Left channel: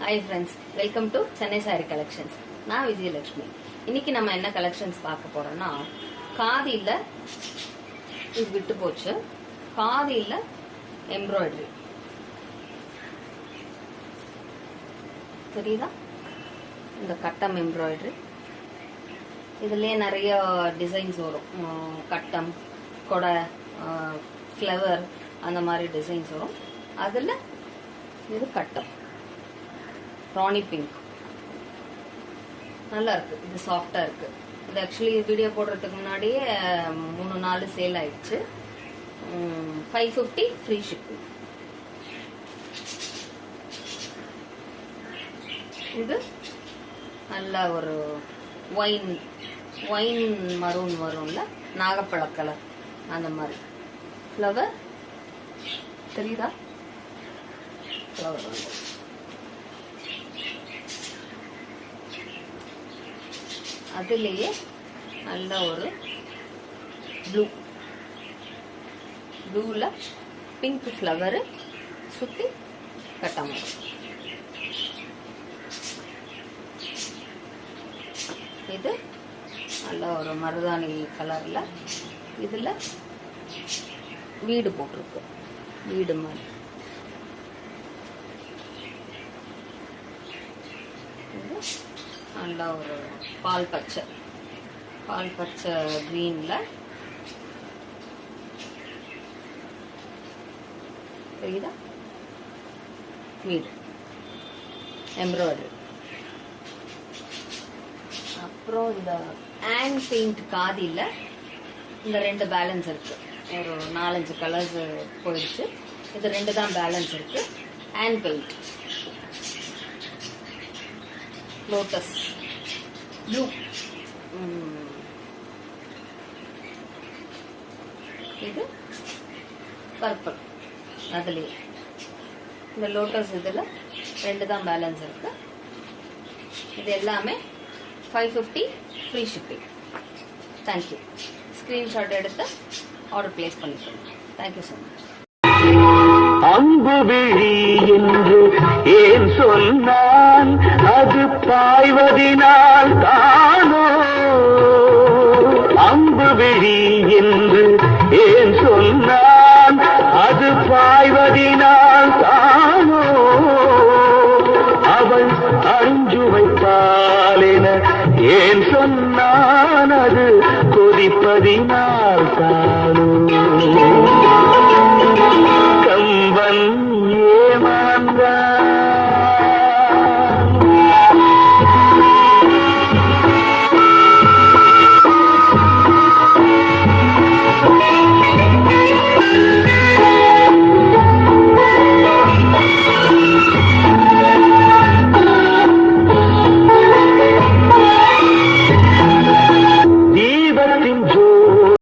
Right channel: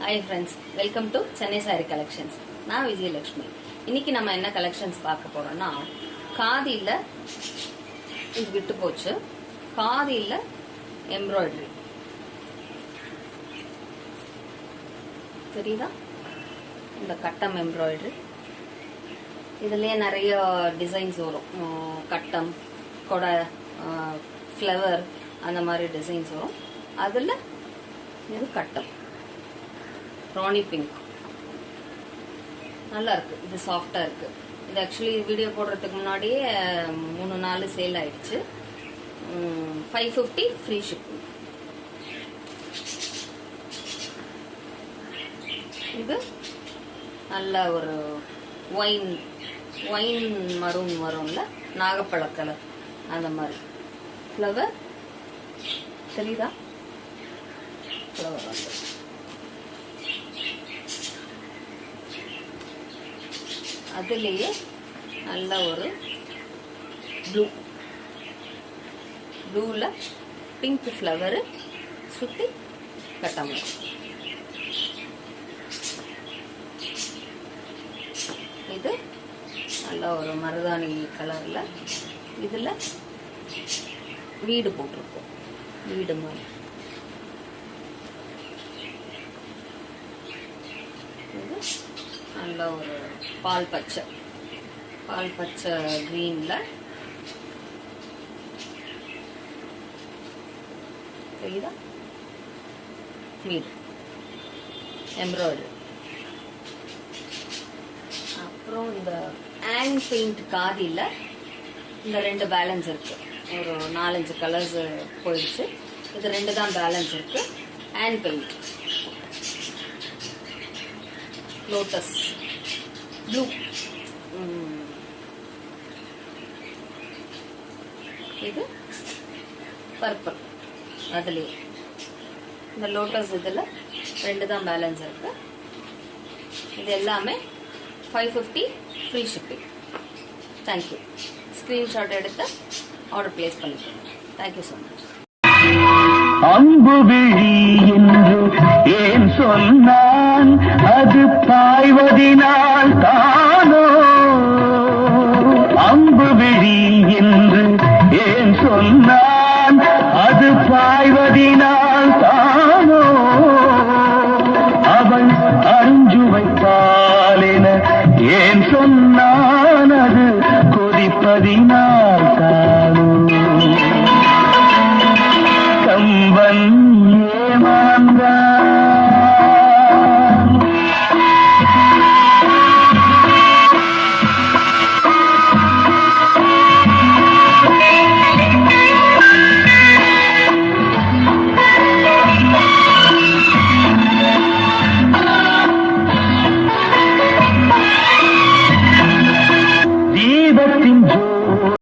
Hi friends, welcome to Chennai Saree Collections. நான் விஜயலட்சுமி. இன்னைக்கு நம்ம என்ன கலெக்ஷன்ஸ் பார்க்க போறோம்னா, காதியில இது விட்டு போச்சு, காதியில எம்ப்ராய்டரி தெரியுதா? இந்த கட்டம் எம்ப்ராய்டரி இதுலயே நிறைய டிசைன்ஸ் வரும். கட்டம், கொடை, ஃப்ளவர் அந்த மாதிரி டிசைன்ஸ் வரும். அதுல இது கட்டம் ராணி பிங்க் நல்லா இருக்கு. இது சாஃப்டா இருக்கு. இது ஆக்சுவலி வீடியோ போடுறதுக்கு முன்னாடியே 3-4 சேல் ஆயிடுச்சு. 550 ஃப்ரீ ஷிப்பிங். இது நல்ல ஒரு ஒயின் மரூன் வரும்ல, நாகப்பழ கலர் அந்த மாதிரி ஃப்ளவர் தெரியுதா? ஃப்ளவர் வந்து அதுலேயே நல்ல ஒரு ப்ளூல பிங்க் ஃப்ளவர் சுற்றி கட்டாம இது நல்ல ஒரு மருதாணி கலர்ல இதுல வீடு போட்டிருக்கோம். வீடு மாதிரி நல்ல ஒரு பால் பச்சை கிரீன்ல தெரியுதா? வீடு எம்ப்ராய்டரி. அப்புறம் இந்த ஆன் பெயிண்ட் காதியில் இந்த 2 பேலன்ஸ் இருக்கு. ஒரு 4-5 கலர்ஸ் போயிடுச்சு. இது 2 தான் பேலன்ஸ் இருக்கு. ஆன் பெயிண்ட் லோட்டஸ் ப்ளூ, இது பர்பிள். அதுலேயே இந்த லோட்டஸ் இதில் 2 தான் பேலன்ஸ் இருக்கு. இது எல்லாமே 550 ஃப்ரீ ஷிப்பிங். தேங்க்யூ. ஸ்க்ரீன்ஷாட் எடுத்து ஆர்டர் பிளேஸ் பண்ணிக்கோங்க. Thank you so much. அம்பு விழி என்று ஏன் சொன்னான், அது பாய்வதினால் தானோ? அம்பு விழி என்று ஏன் சொன்னான், அது பாய்வதினால் தானோ? அவள் அஞ்சு வைப்பாலென ஏன் சொன்னான், அது கொதிப்பதினால் தானோ? கம்பன்